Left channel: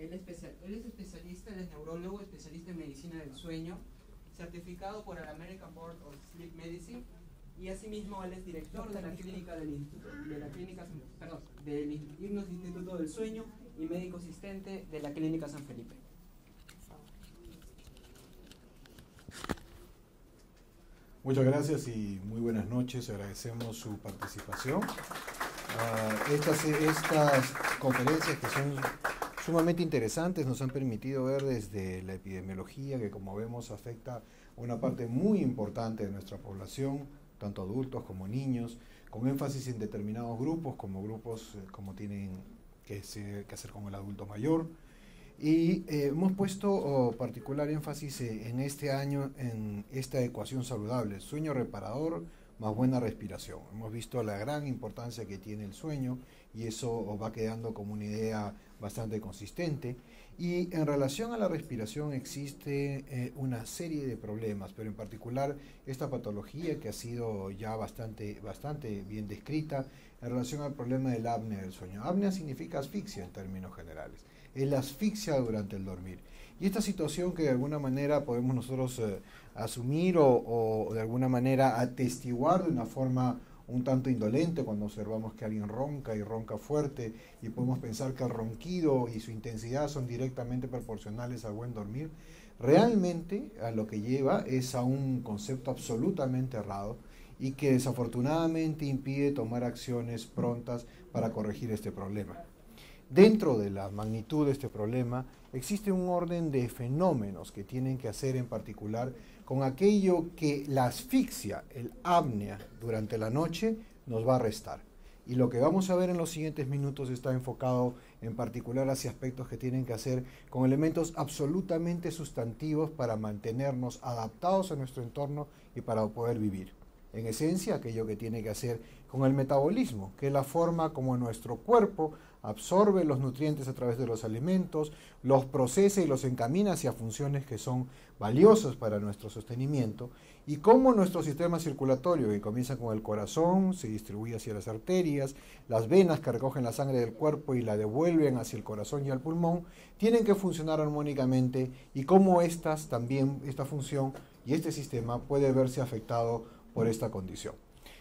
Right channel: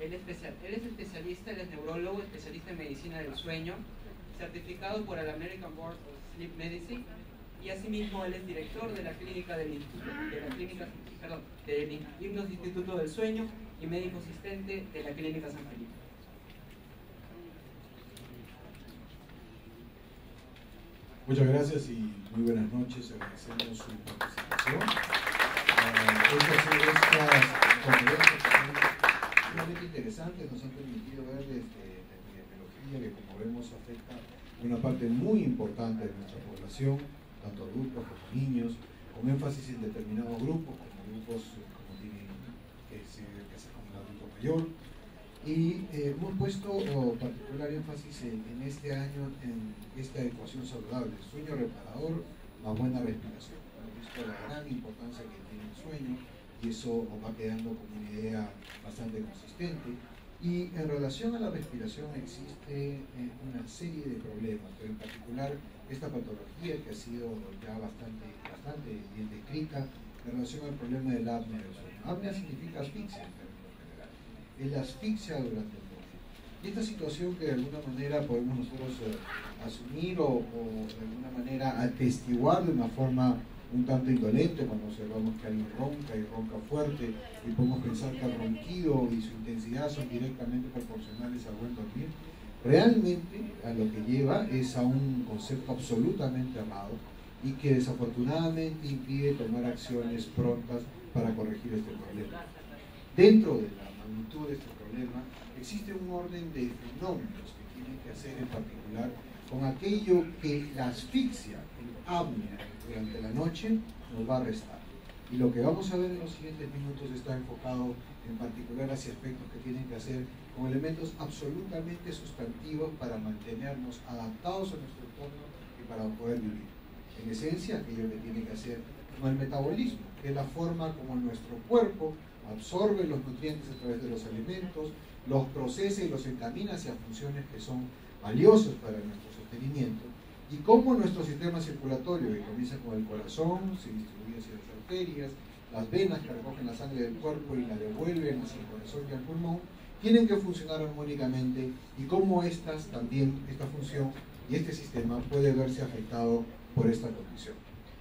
Él es especialista, él es neurólogo, especialista en medicina del sueño, certificado por el American Board of Sleep Medicine, y asimismo él es director de la clínica del Hipnos Instituto del Sueño y médico asistente de la Clínica San Felipe. Muchas gracias y muy buenas noches. Agradecemos su participación. Estas conferencias que son sumamente interesantes nos han permitido ver desde la epidemiología, que como vemos afecta a una parte muy importante de nuestra población, tanto adultos como niños, con énfasis en determinados grupos, como tienen que hacer con el adulto mayor. Y hemos puesto particular énfasis en este año en esta ecuación saludable, sueño reparador más buena respiración. Hemos visto la gran importancia que tiene el sueño y eso va quedando como una idea bastante consistente. Y en relación a la respiración existe una serie de problemas, pero en particular esta patología que ha sido ya bastante bien descrita en relación al problema del apnea del sueño. Apnea significa asfixia en términos generales. Es la asfixia durante el dormir. Y esta situación que de alguna manera podemos nosotros asumir o de alguna manera atestiguar de una forma un tanto indolente cuando observamos que alguien ronca y ronca fuerte y podemos pensar que el ronquido y su intensidad son directamente proporcionales al buen dormir, realmente a lo que lleva es a un concepto absolutamente errado y que desafortunadamente impide tomar acciones prontas para corregir este problema. Dentro de la magnitud de este problema existe un orden de fenómenos que tienen que hacer en particular con aquello que la asfixia, el apnea durante la noche nos va a restar. Y lo que vamos a ver en los siguientes minutos está enfocado en particular hacia aspectos que tienen que hacer con elementos absolutamente sustantivos para mantenernos adaptados a nuestro entorno y para poder vivir. En esencia, aquello que tiene que hacer con el metabolismo, que es la forma como nuestro cuerpo absorbe los nutrientes a través de los alimentos, los procesa y los encamina hacia funciones que son valiosas para nuestro sostenimiento, y cómo nuestro sistema circulatorio, que comienza con el corazón, se distribuye hacia las arterias, las venas que recogen la sangre del cuerpo y la devuelven hacia el corazón y al pulmón, tienen que funcionar armónicamente, y cómo esta función y este sistema puede verse afectado por esta condición.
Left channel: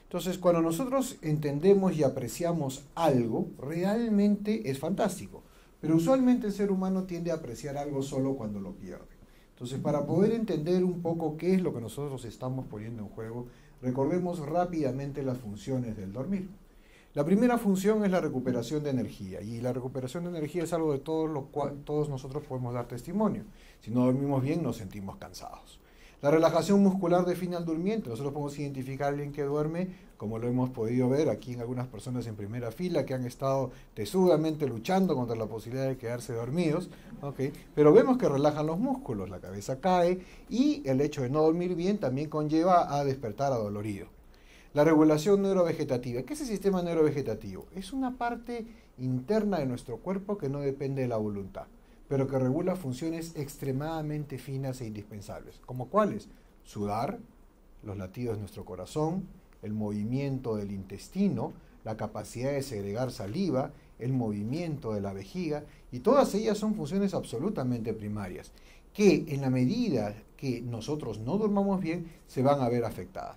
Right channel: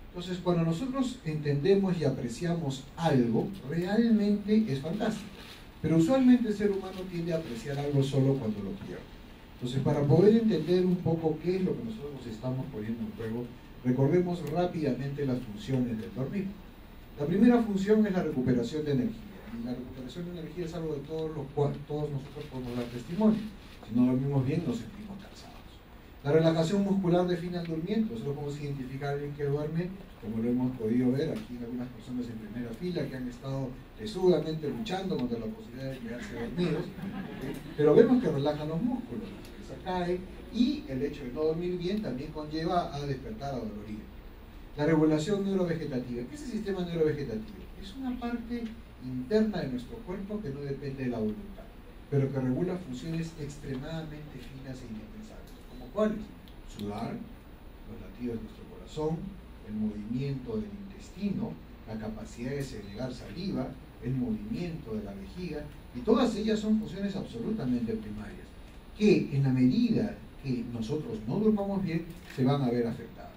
Entonces, cuando nosotros entendemos y apreciamos algo, realmente es fantástico. Pero usualmente el ser humano tiende a apreciar algo solo cuando lo pierde. Entonces, para poder entender un poco qué es lo que nosotros estamos poniendo en juego, recordemos rápidamente las funciones del dormir. La primera función es la recuperación de energía. Y la recuperación de energía es algo de todo lo cual todos nosotros podemos dar testimonio. Si no dormimos bien, nos sentimos cansados. La relajación muscular define al durmiente. Nosotros podemos identificar a alguien que duerme, como lo hemos podido ver aquí en algunas personas en primera fila que han estado tesudamente luchando contra la posibilidad de quedarse dormidos, ¿okay? Pero vemos que relajan los músculos, la cabeza cae y el hecho de no dormir bien también conlleva a despertar adolorido. La regulación neurovegetativa. ¿Qué es el sistema neurovegetativo? Es una parte interna de nuestro cuerpo que no depende de la voluntad, pero que regula funciones extremadamente finas e indispensables. ¿Como cuáles? Sudar, los latidos de nuestro corazón, el movimiento del intestino, la capacidad de segregar saliva, el movimiento de la vejiga, y todas ellas son funciones absolutamente primarias, que en la medida que nosotros no durmamos bien, se van a ver afectadas.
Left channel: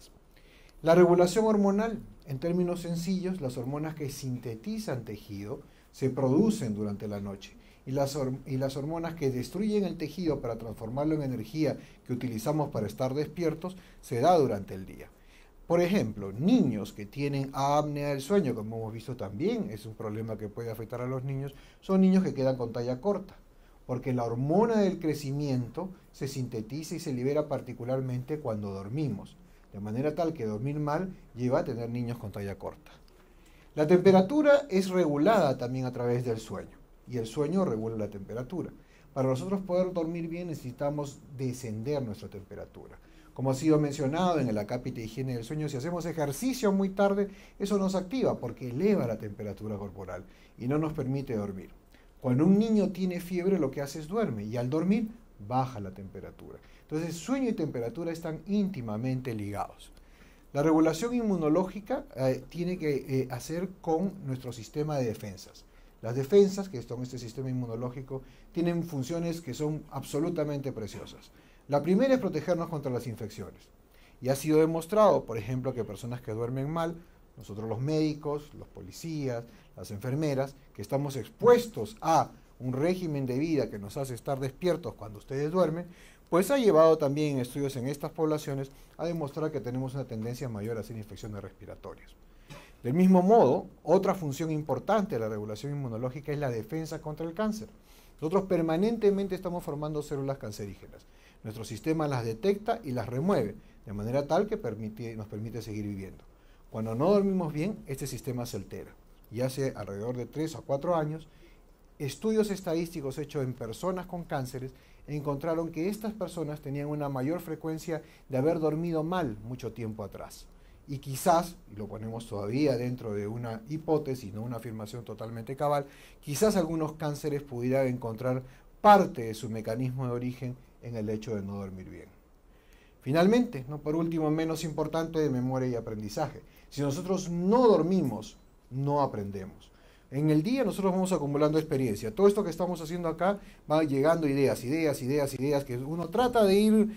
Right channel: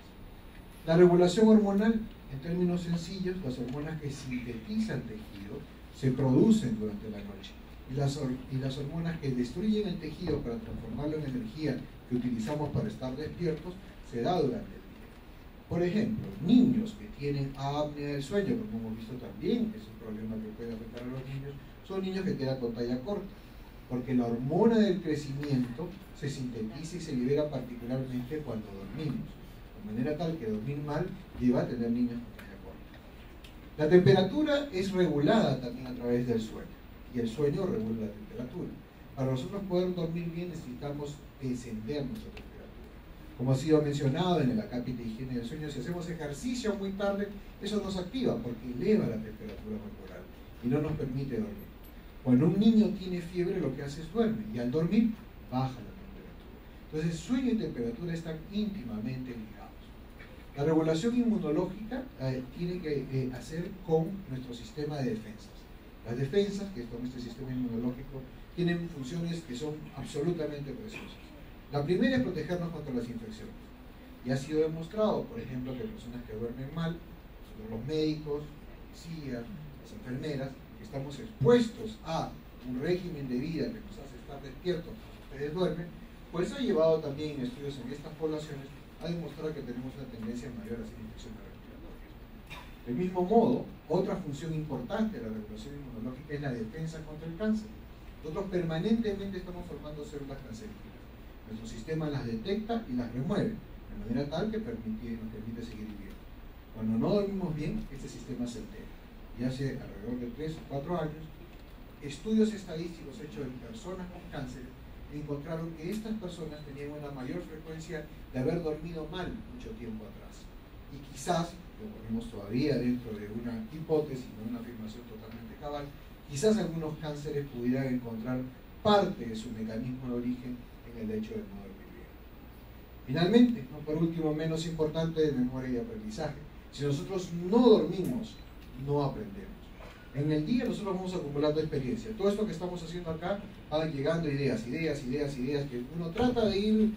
La regulación hormonal, en términos sencillos, las hormonas que sintetizan tejido se producen durante la noche. Y las hormonas que destruyen el tejido para transformarlo en energía que utilizamos para estar despiertos, se da durante el día. Por ejemplo, niños que tienen apnea del sueño, como hemos visto también, es un problema que puede afectar a los niños, son niños que quedan con talla corta, porque la hormona del crecimiento se sintetiza y se libera particularmente cuando dormimos, de manera tal que dormir mal lleva a tener niños con talla corta. La temperatura es regulada también a través del sueño, y el sueño regula la temperatura. Para nosotros poder dormir bien necesitamos descender nuestra temperatura. Como ha sido mencionado en el acápite de higiene del sueño, si hacemos ejercicio muy tarde, eso nos activa porque eleva la temperatura corporal y no nos permite dormir. Cuando un niño tiene fiebre, lo que hace es duerme y al dormir baja la temperatura. Entonces, sueño y temperatura están íntimamente ligados. La regulación inmunológica tiene que hacer con nuestro sistema de defensas. Las defensas, que son este sistema inmunológico, tienen funciones que son absolutamente preciosas. La primera es protegernos contra las infecciones. Y ha sido demostrado, por ejemplo, que personas que duermen mal, nosotros los médicos, los policías, las enfermeras, que estamos expuestos a un régimen de vida que nos hace estar despiertos cuando ustedes duermen, pues ha llevado también estudios en estas poblaciones a demostrar que tenemos una tendencia mayor a hacer infecciones respiratorias. Del mismo modo, otra función importante de la regulación inmunológica es la defensa contra el cáncer. Nosotros permanentemente estamos formando células cancerígenas. Nuestro sistema las detecta y las remueve, de manera tal que nos permite seguir viviendo. Cuando no dormimos bien, este sistema se altera. Y hace alrededor de 3 o 4 años, estudios estadísticos hechos en personas con cánceres encontraron que estas personas tenían una mayor frecuencia de haber dormido mal mucho tiempo atrás. Y quizás, lo ponemos todavía dentro de una hipótesis, no una afirmación totalmente cabal, quizás algunos cánceres pudieran encontrar parte de su mecanismo de origen en el hecho de no dormir bien. Finalmente, no por último, menos importante, de memoria y aprendizaje. Si nosotros no dormimos, no aprendemos. En el día nosotros vamos acumulando experiencia. Todo esto que estamos haciendo acá van llegando ideas que uno trata de ir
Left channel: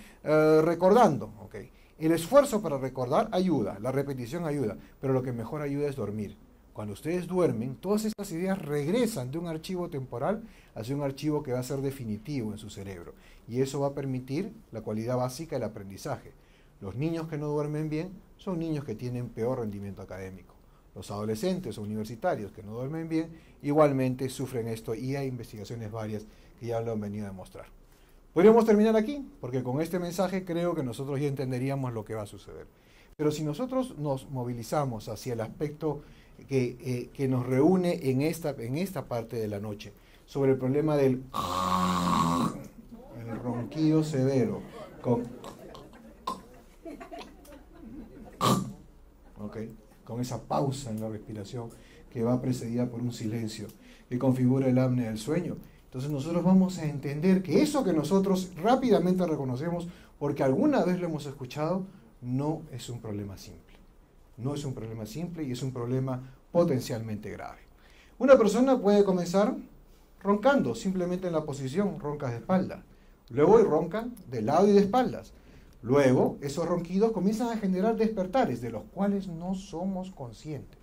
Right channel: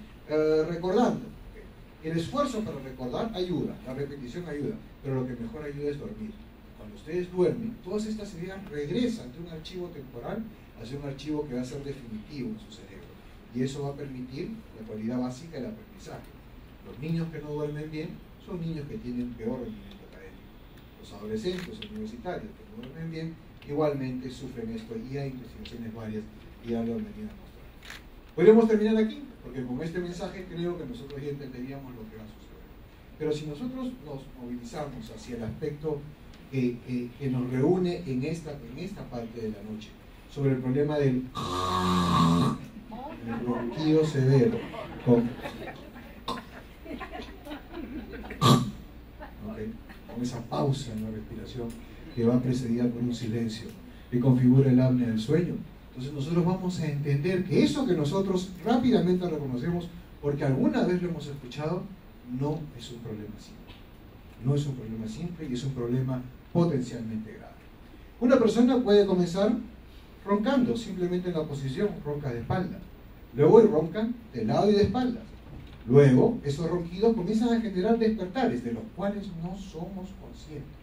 recordando. ¿Okay? El esfuerzo para recordar ayuda, la repetición ayuda, pero lo que mejor ayuda es dormir. Cuando ustedes duermen, todas estas ideas regresan de un archivo temporal hacia un archivo que va a ser definitivo en su cerebro. Y eso va a permitir la cualidad básica del aprendizaje. Los niños que no duermen bien son niños que tienen peor rendimiento académico. Los adolescentes o universitarios que no duermen bien igualmente sufren esto, y hay investigaciones varias que ya lo han venido a demostrar. Podríamos terminar aquí, porque con este mensaje creo que nosotros ya entenderíamos lo que va a suceder. Pero si nosotros nos movilizamos hacia el aspecto que nos reúne en esta parte de la noche, sobre el problema del ronquido severo, con esa pausa en la respiración que va precedida por un silencio que configura el apnea del sueño. Entonces nosotros vamos a entender que eso que nosotros rápidamente reconocemos porque alguna vez lo hemos escuchado, no es un problema simple. No es un problema simple y es un problema potencialmente grave. Una persona puede comenzar roncando, simplemente en la posición, roncas de espalda. Luego roncan de lado y de espaldas. Luego, esos ronquidos comienzan a generar despertares, de los cuales no somos conscientes.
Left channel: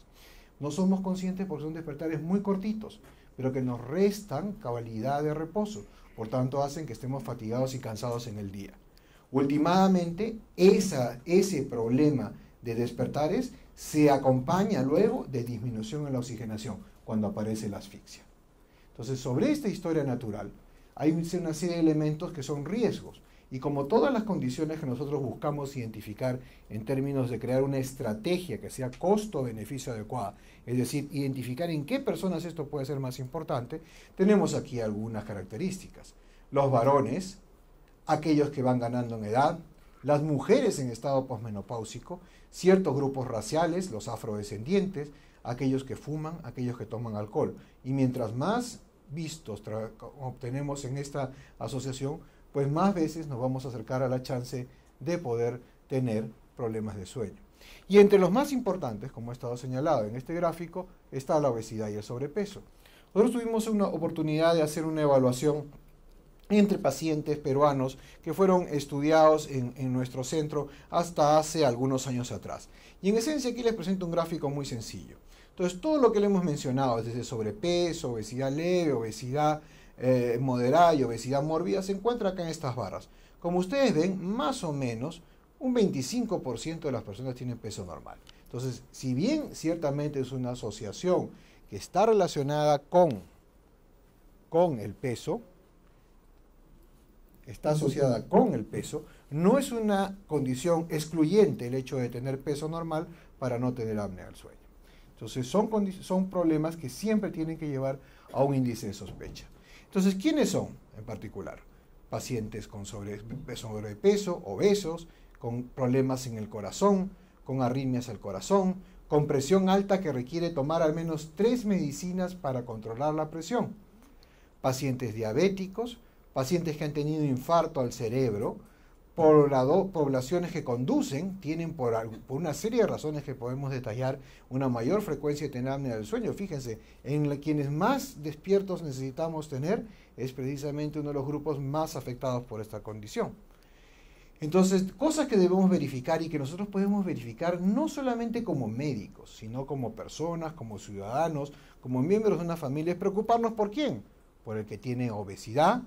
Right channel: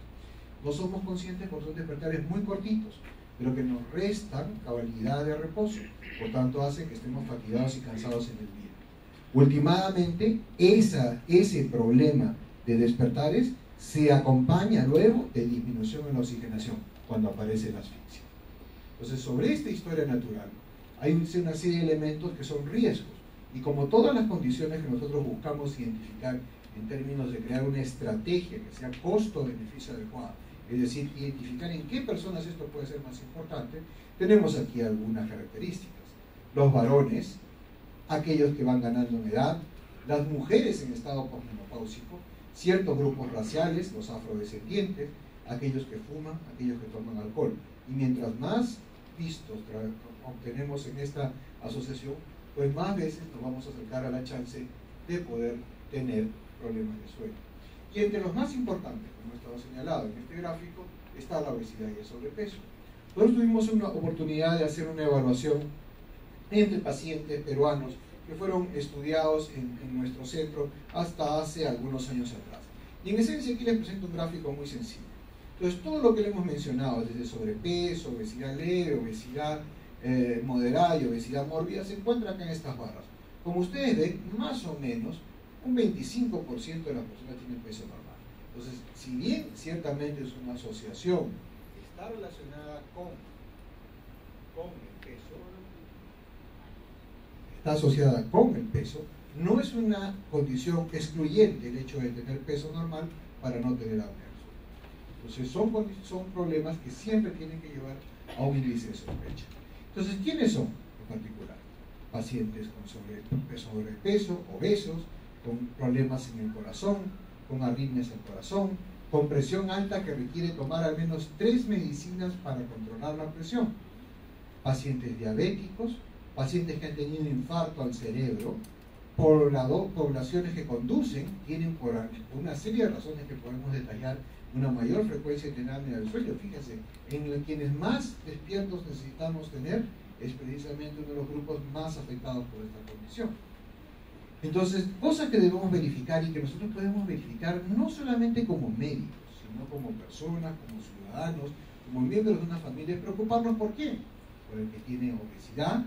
No somos conscientes porque son despertares muy cortitos, pero que nos restan cabalidad de reposo. Por tanto, hacen que estemos fatigados y cansados en el día. Últimamente, ese problema de despertares se acompaña luego de disminución en la oxigenación, cuando aparece la asfixia. Entonces, sobre esta historia natural, hay una serie de elementos que son riesgos. Y como todas las condiciones que nosotros buscamos identificar en términos de crear una estrategia que sea costo-beneficio adecuada, es decir, identificar en qué personas esto puede ser más importante, tenemos aquí algunas características. Los varones, aquellos que van ganando en edad, las mujeres en estado posmenopáusico, ciertos grupos raciales, los afrodescendientes, aquellos que fuman, aquellos que toman alcohol. Y mientras más vistos obtenemos en esta asociación, pues más veces nos vamos a acercar a la chance de poder tener problemas de sueño. Y entre los más importantes, como ha estado señalado en este gráfico, está la obesidad y el sobrepeso. Nosotros tuvimos una oportunidad de hacer una evaluación entre pacientes peruanos que fueron estudiados en nuestro centro hasta hace algunos años atrás. Y en esencia aquí les presento un gráfico muy sencillo. Entonces, todo lo que le hemos mencionado, desde sobrepeso, obesidad leve, obesidad moderada y obesidad mórbida, se encuentra acá en estas barras. Como ustedes ven, más o menos un 25% de las personas tienen peso normal. Entonces, si bien ciertamente es una asociación que está relacionada con el peso, está asociada con el peso, no es una condición excluyente el hecho de tener peso normal para no tener apnea del sueño. Entonces, son problemas que siempre tienen que llevar a un índice de sospecha. Entonces, ¿quiénes son en particular? Pacientes con sobrepeso, obesos, con problemas en el corazón, con arritmias al corazón, con presión alta que requiere tomar al menos 3 medicinas para controlar la presión. Pacientes diabéticos, pacientes que han tenido infarto al cerebro, poblaciones que tienen por una serie de razones que podemos detallar una mayor frecuencia de tener apnea del sueño. Fíjense, en quienes más despiertos necesitamos tener es precisamente uno de los grupos más afectados por esta condición. Entonces, cosas que debemos verificar y que nosotros podemos verificar no solamente como médicos, sino como personas, como ciudadanos, como miembros de una familia, es preocuparnos por quién. Por el que tiene obesidad,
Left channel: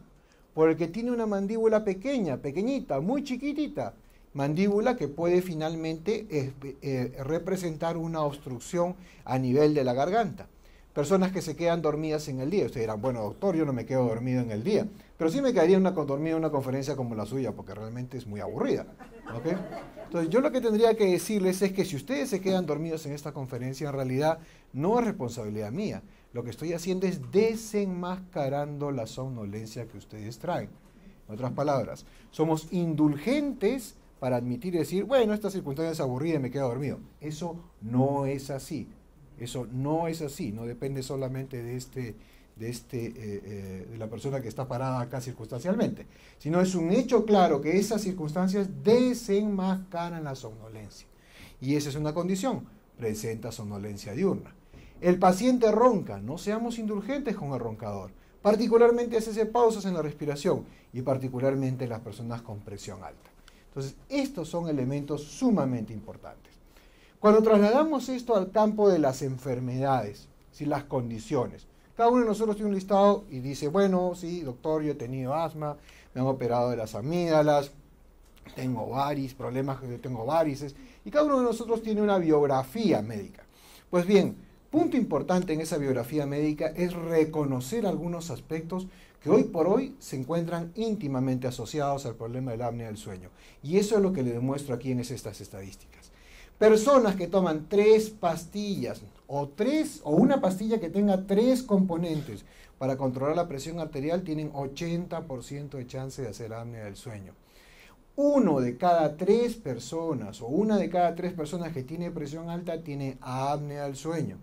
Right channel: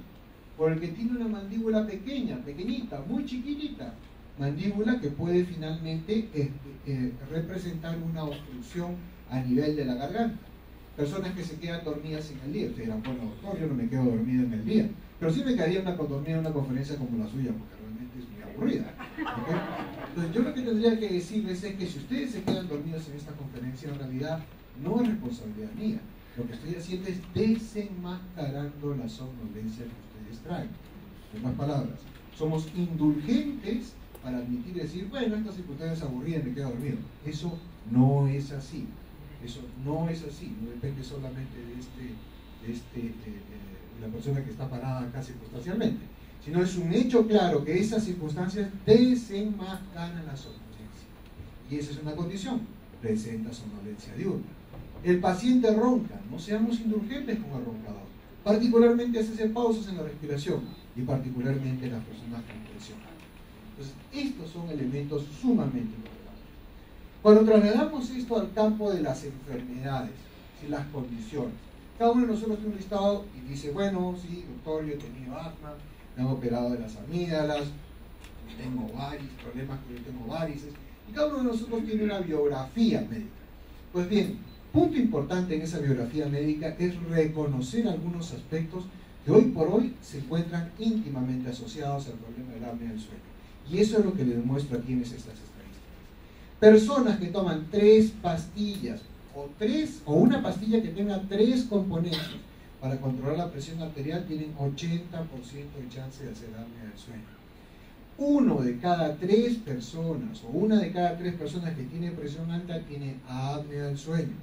por el que tiene una mandíbula pequeña, pequeñita, muy chiquitita, mandíbula que puede finalmente representar una obstrucción a nivel de la garganta. Personas que se quedan dormidas en el día. Ustedes dirán, bueno, doctor, yo no me quedo dormido en el día, pero sí me quedaría dormido en una conferencia como la suya, porque realmente es muy aburrida. ¿Okay? Entonces, yo lo que tendría que decirles es que si ustedes se quedan dormidos en esta conferencia, en realidad no es responsabilidad mía. Lo que estoy haciendo es desenmascarando la somnolencia que ustedes traen. En otras palabras, somos indulgentes para admitir y decir, bueno, esta circunstancia es aburrida y me quedo dormido. Eso no es así. Eso no es así. No depende solamente de la persona que está parada acá circunstancialmente, sino es un hecho claro que esas circunstancias desenmascaran la somnolencia. Y esa es una condición. Presenta somnolencia diurna. El paciente ronca, no seamos indulgentes con el roncador, particularmente hace pausas en la respiración y particularmente las personas con presión alta. Entonces, estos son elementos sumamente importantes. Cuando trasladamos esto al campo de las enfermedades, ¿sí? Las condiciones, cada uno de nosotros tiene un listado y dice, bueno, sí, doctor, yo he tenido asma, me han operado de las amígdalas, tengo problemas que tengo varices, y cada uno de nosotros tiene una biografía médica. Pues bien, punto importante en esa biografía médica es reconocer algunos aspectos que hoy por hoy se encuentran íntimamente asociados al problema del apnea del sueño. Y eso es lo que le demuestro aquí en estas estadísticas. Personas que toman 3 pastillas o una pastilla que tenga 3 componentes para controlar la presión arterial tienen 80% de chance de hacer apnea del sueño. 1 de cada 3 personas o 1 de cada 3 personas que tiene presión alta tiene apnea del sueño.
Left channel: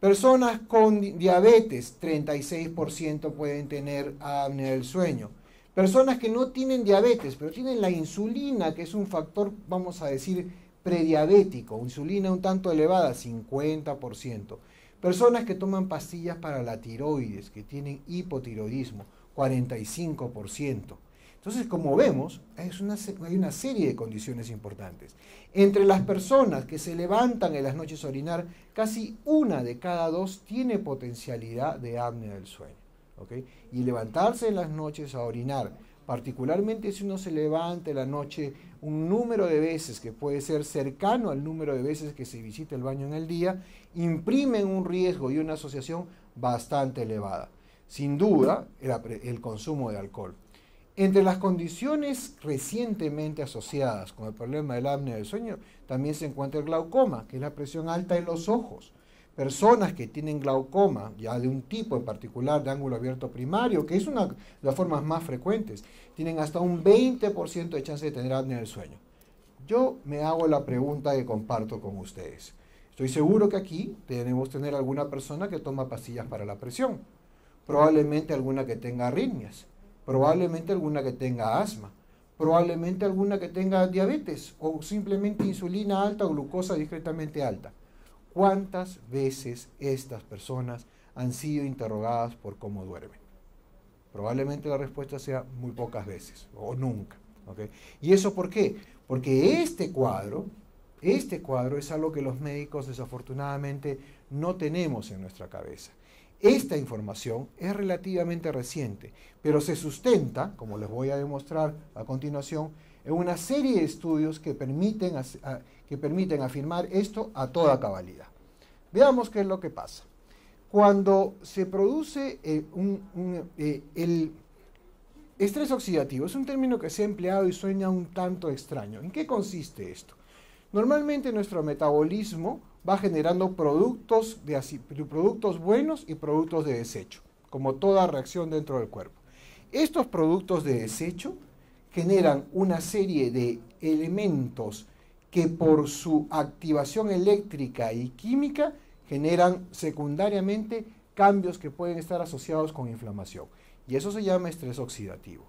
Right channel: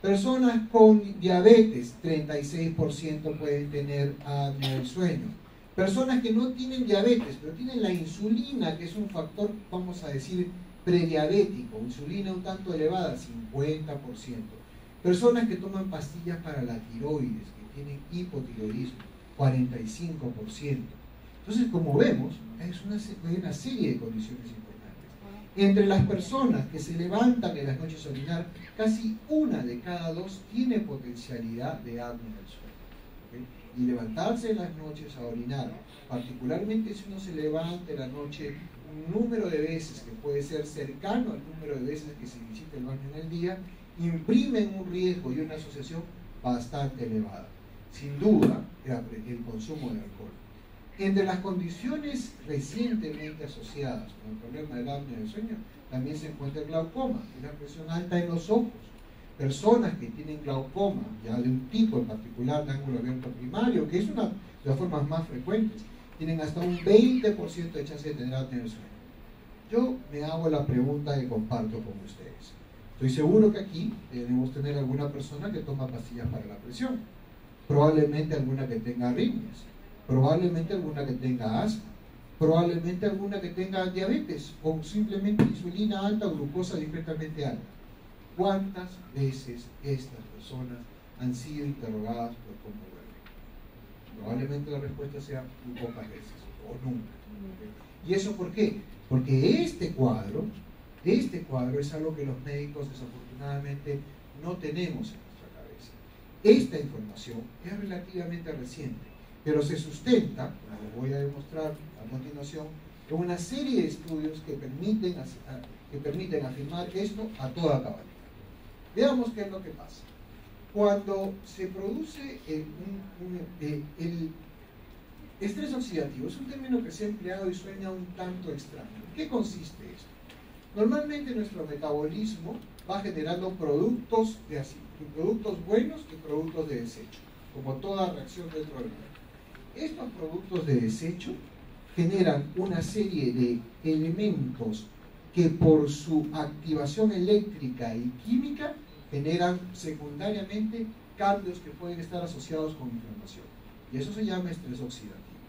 Personas con diabetes, 36% pueden tener apnea del sueño. Personas que no tienen diabetes, pero tienen la insulina, que es un factor, vamos a decir, prediabético, insulina un tanto elevada, 50%. Personas que toman pastillas para la tiroides, que tienen hipotiroidismo, 45%. Entonces, como vemos, hay una serie de condiciones importantes. Entre las personas que se levantan en las noches a orinar, casi 1 de cada 2 tiene potencialidad de apnea del sueño. ¿Okay? Y levantarse en las noches a orinar, particularmente si uno se levanta en la noche un número de veces que puede ser cercano al número de veces que se visita el baño en el día, imprimen un riesgo y una asociación bastante elevada. Sin duda, el consumo de alcohol. Entre las condiciones recientemente asociadas con el problema del apnea del sueño, también se encuentra el glaucoma, que es la presión alta en los ojos. Personas que tienen glaucoma, ya de un tipo en particular de ángulo abierto primario, que es una de las formas más frecuentes, tienen hasta un 20% de chance de tener apnea del sueño. Yo me hago la pregunta que comparto con ustedes. Estoy seguro que aquí debemos tener alguna persona que toma pastillas para la presión, probablemente alguna que tenga arritmias, probablemente alguna que tenga asma, probablemente alguna que tenga diabetes o simplemente insulina alta o glucosa discretamente alta. ¿Cuántas veces estas personas han sido interrogadas por cómo duermen? Probablemente la respuesta sea muy pocas veces o nunca. ¿Okay? ¿Y eso por qué? Porque este cuadro es algo que los médicos desafortunadamente no tenemos en nuestra cabeza. Esta información es relativamente reciente, pero se sustenta, como les voy a demostrar a continuación, en una serie de estudios que permiten afirmar esto a toda cabalidad. Veamos qué es lo que pasa. Cuando se produce el estrés oxidativo, es un término que se ha empleado y suena un tanto extraño. ¿En qué consiste esto? Normalmente nuestro metabolismo va generando productos buenos y productos de desecho, como toda reacción dentro del cuerpo. Estos productos de desecho generan una serie de elementos que por su activación eléctrica y química generan secundariamente cambios que pueden estar asociados con inflamación. Y eso se llama estrés oxidativo.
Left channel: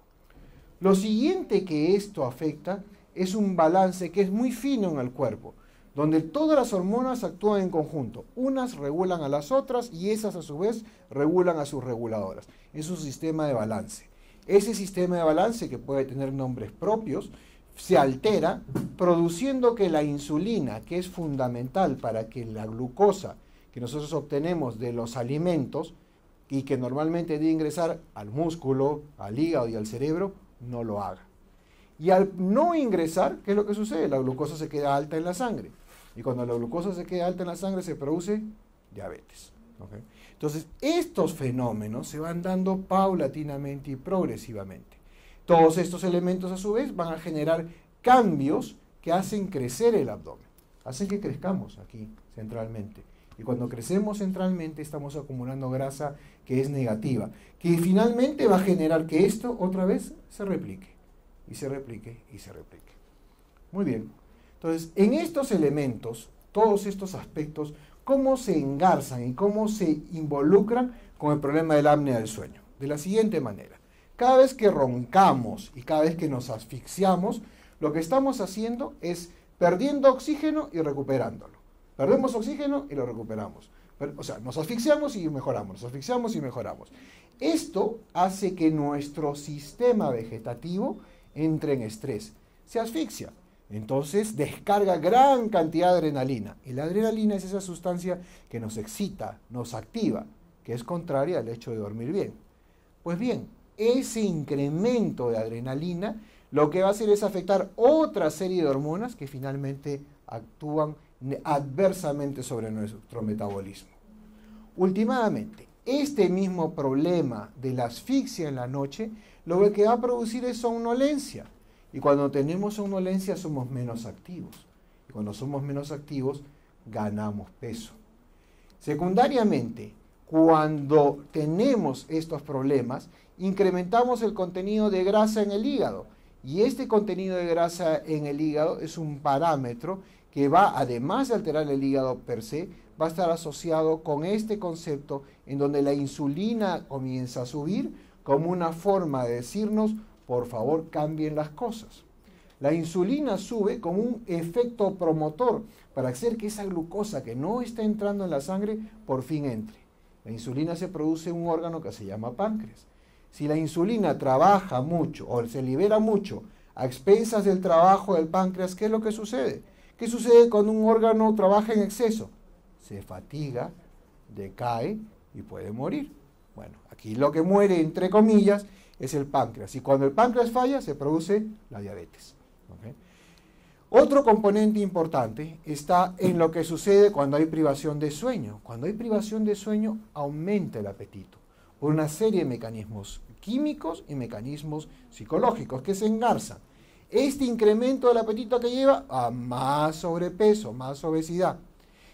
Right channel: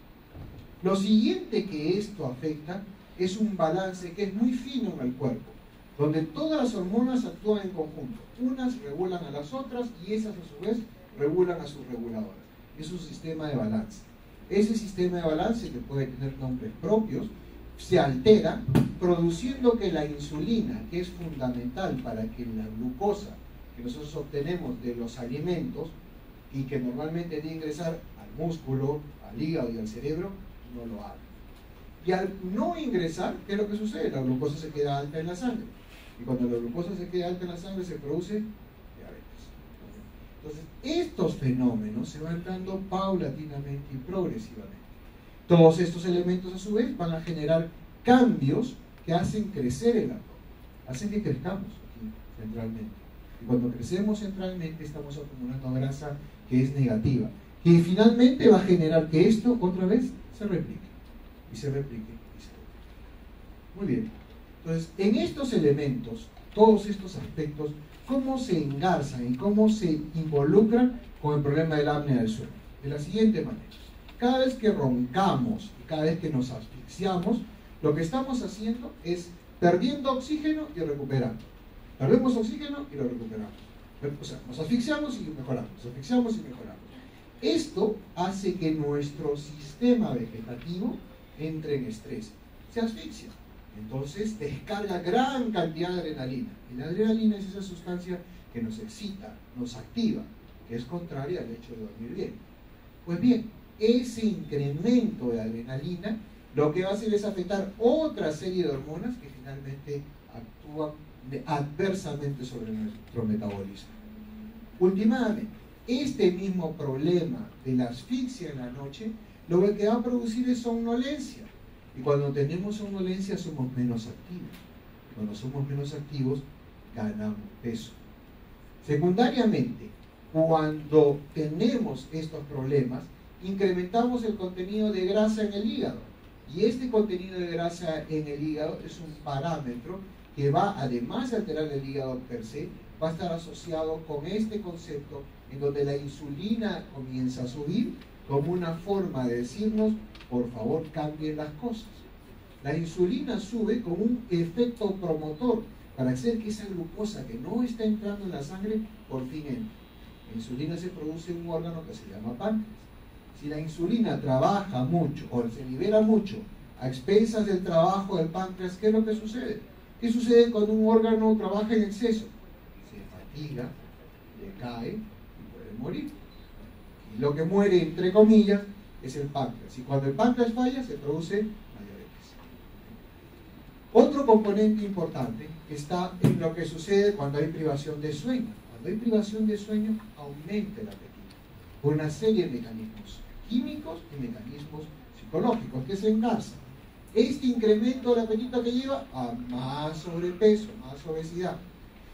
Lo siguiente que esto afecta es un balance que es muy fino en el cuerpo, donde todas las hormonas actúan en conjunto. Unas regulan a las otras y esas a su vez regulan a sus reguladoras. es un sistema de balance. Ese sistema de balance, que puede tener nombres propios, se altera produciendo que la insulina, que es fundamental para que la glucosa que nosotros obtenemos de los alimentos y que normalmente debe ingresar al músculo, al hígado y al cerebro, no lo haga. Y al no ingresar, ¿qué es lo que sucede? La glucosa se queda alta en la sangre. Y cuando la glucosa se queda alta en la sangre se produce diabetes. ¿Okay? Entonces, estos fenómenos se van dando paulatinamente y progresivamente. Todos estos elementos a su vez van a generar cambios que hacen crecer el abdomen, hacen que crezcamos aquí centralmente. Y cuando crecemos centralmente estamos acumulando grasa que es negativa, que finalmente va a generar que esto otra vez se replique, y se replique, y se replique. Muy bien. Entonces, en estos elementos, todos estos aspectos, ¿cómo se engarzan y cómo se involucran con el problema del apnea del sueño? De la siguiente manera. Cada vez que roncamos y cada vez que nos asfixiamos, lo que estamos haciendo es perdiendo oxígeno y recuperándolo. Perdemos oxígeno y lo recuperamos. O sea, nos asfixiamos y mejoramos, nos asfixiamos y mejoramos. Esto hace que nuestro sistema vegetativo entre en estrés, se asfixia. Entonces descarga gran cantidad de adrenalina. Y la adrenalina es esa sustancia que nos excita, nos activa, que es contraria al hecho de dormir bien. Pues bien, ese incremento de adrenalina lo que va a hacer es afectar otra serie de hormonas que finalmente actúan adversamente sobre nuestro metabolismo. Últimamente, este mismo problema de la asfixia en la noche lo que va a producir es somnolencia. Y cuando tenemos somnolencia somos menos activos. Y cuando somos menos activos, ganamos peso. Secundariamente, cuando tenemos estos problemas, incrementamos el contenido de grasa en el hígado. Y este contenido de grasa en el hígado es un parámetro que va, además de alterar el hígado per se, va a estar asociado con este concepto en donde la insulina comienza a subir como una forma de decirnos, por favor, cambien las cosas. La insulina sube como un efecto promotor para hacer que esa glucosa que no está entrando en la sangre, por fin entre. La insulina se produce en un órgano que se llama páncreas. Si la insulina trabaja mucho o se libera mucho a expensas del trabajo del páncreas, ¿qué es lo que sucede? ¿Qué sucede cuando un órgano trabaja en exceso? Se fatiga, decae y puede morir. Bueno, aquí lo que muere, entre comillas, es el páncreas. Y cuando el páncreas falla, se produce la diabetes. ¿Okay? Otro componente importante está en lo que sucede cuando hay privación de sueño. Cuando hay privación de sueño, aumenta el apetito por una serie de mecanismos químicos y mecanismos psicológicos que se engarzan. Este incremento del apetito que lleva a más sobrepeso, más obesidad.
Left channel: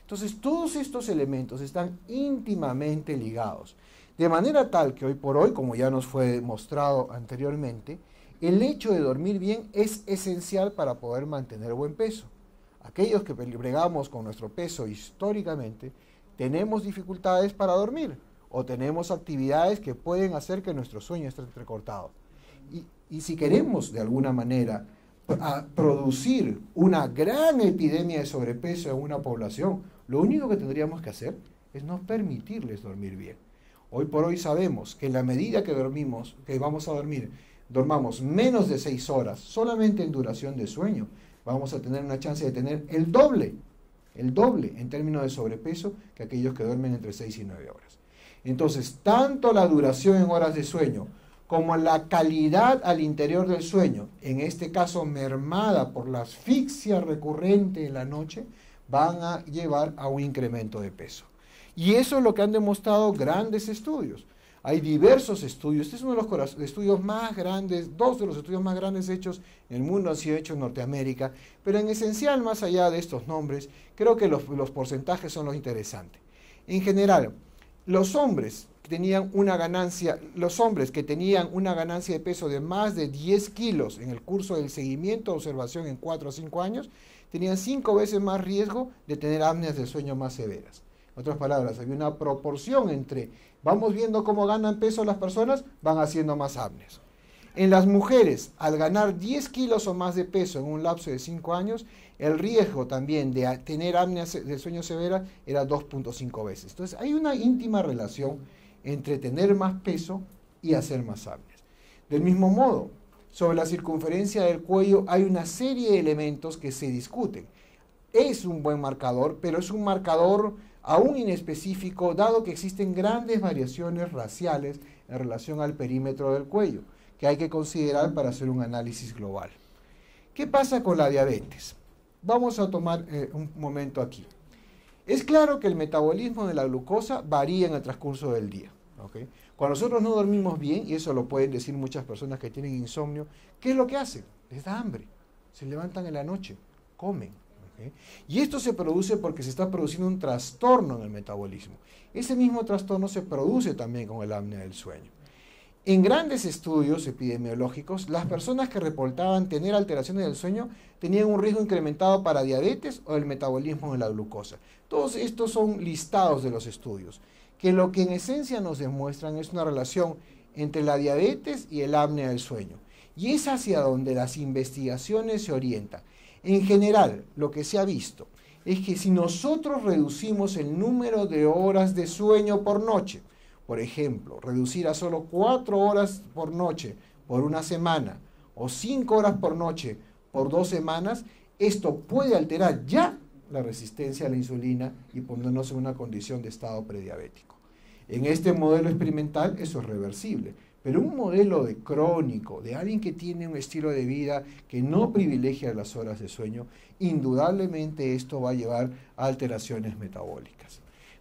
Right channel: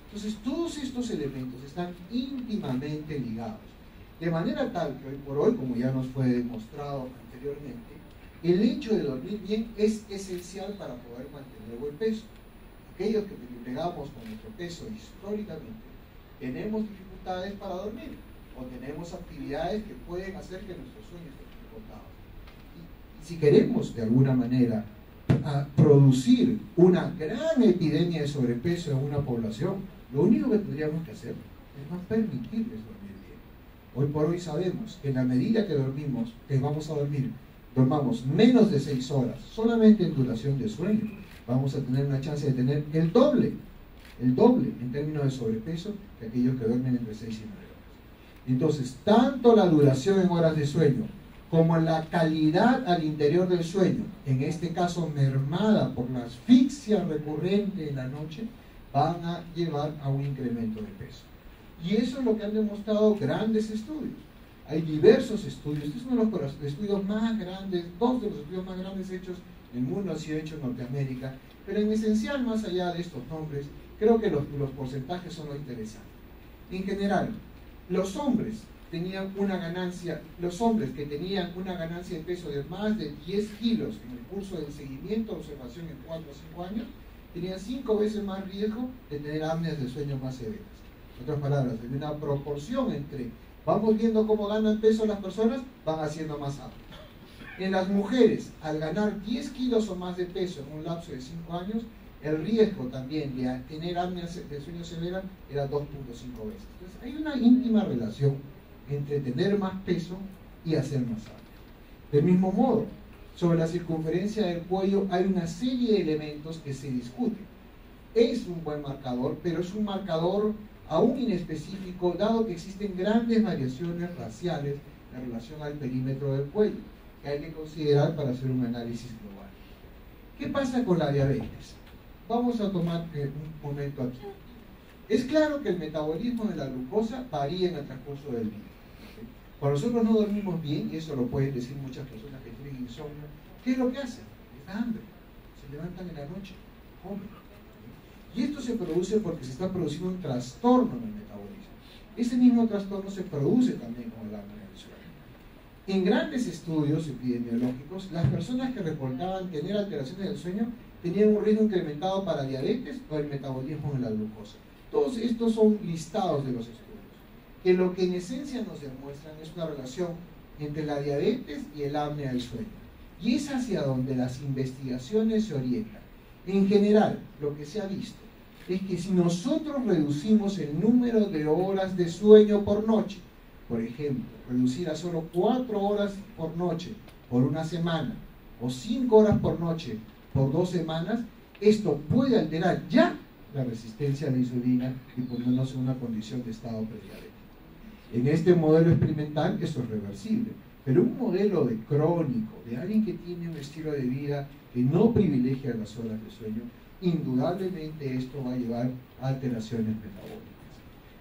Entonces, todos estos elementos están íntimamente ligados. De manera tal que hoy por hoy, como ya nos fue demostrado anteriormente, el hecho de dormir bien es esencial para poder mantener buen peso. Aquellos que bregamos con nuestro peso históricamente, tenemos dificultades para dormir o tenemos actividades que pueden hacer que nuestro sueño esté recortado. Y si queremos de alguna manera producir una gran epidemia de sobrepeso en una población, lo único que tendríamos que hacer es no permitirles dormir bien. Hoy por hoy sabemos que en la medida que vamos a dormir, dormamos menos de 6 horas, solamente en duración de sueño, vamos a tener una chance de tener el doble en términos de sobrepeso que aquellos que duermen entre 6 y 9 horas. Entonces, tanto la duración en horas de sueño como la calidad al interior del sueño, en este caso mermada por la asfixia recurrente en la noche, van a llevar a un incremento de peso. Y eso es lo que han demostrado grandes estudios. Hay diversos estudios. Este es uno de los estudios más grandes, 2 de los estudios más grandes hechos en el mundo, han sido hechos en Norteamérica, pero en esencial, más allá de estos nombres, creo que los porcentajes son lo interesante. En general, los hombres que tenían una ganancia de peso de más de 10 kilos en el curso del seguimiento de observación en 4 a 5 años, tenían 5 veces más riesgo de tener apneas del sueño más severas. En otras palabras, hay una proporción entre, vamos viendo cómo ganan peso las personas, van haciendo más apneas. En las mujeres, al ganar 10 kilos o más de peso en un lapso de 5 años, el riesgo también de tener apneas del sueño severa era 2.5 veces. Entonces, hay una íntima relación entre tener más peso y a ser más amplias. Del mismo modo, sobre la circunferencia del cuello hay una serie de elementos que se discuten. Es un buen marcador, pero es un marcador aún inespecífico, dado que existen grandes variaciones raciales en relación al perímetro del cuello, que hay que considerar para hacer un análisis global. ¿Qué pasa con la diabetes? Vamos a tomar un momento aquí. Es claro que el metabolismo de la glucosa varía en el transcurso del día. ¿Okay? Cuando nosotros no dormimos bien, y eso lo pueden decir muchas personas que tienen insomnio, ¿qué es lo que hacen? Les da hambre, se levantan en la noche, comen. ¿Okay? Y esto se produce porque se está produciendo un trastorno en el metabolismo. Ese mismo trastorno se produce también con el apnea del sueño. En grandes estudios epidemiológicos, las personas que reportaban tener alteraciones del sueño tenían un riesgo incrementado para diabetes o el metabolismo de la glucosa. Todos estos son listados de los estudios, que lo que en esencia nos demuestran es una relación entre la diabetes y el apnea del sueño. Y es hacia donde las investigaciones se orientan. En general, lo que se ha visto es que si nosotros reducimos el número de horas de sueño por noche, por ejemplo, reducir a solo 4 horas por noche por una semana o 5 horas por noche por 2 semanas, esto puede alterar ya la resistencia a la insulina y ponernos en una condición de estado prediabético. En este modelo experimental eso es reversible, pero un modelo de crónico, de alguien que tiene un estilo de vida que no privilegia las horas de sueño, indudablemente esto va a llevar a alteraciones metabólicas.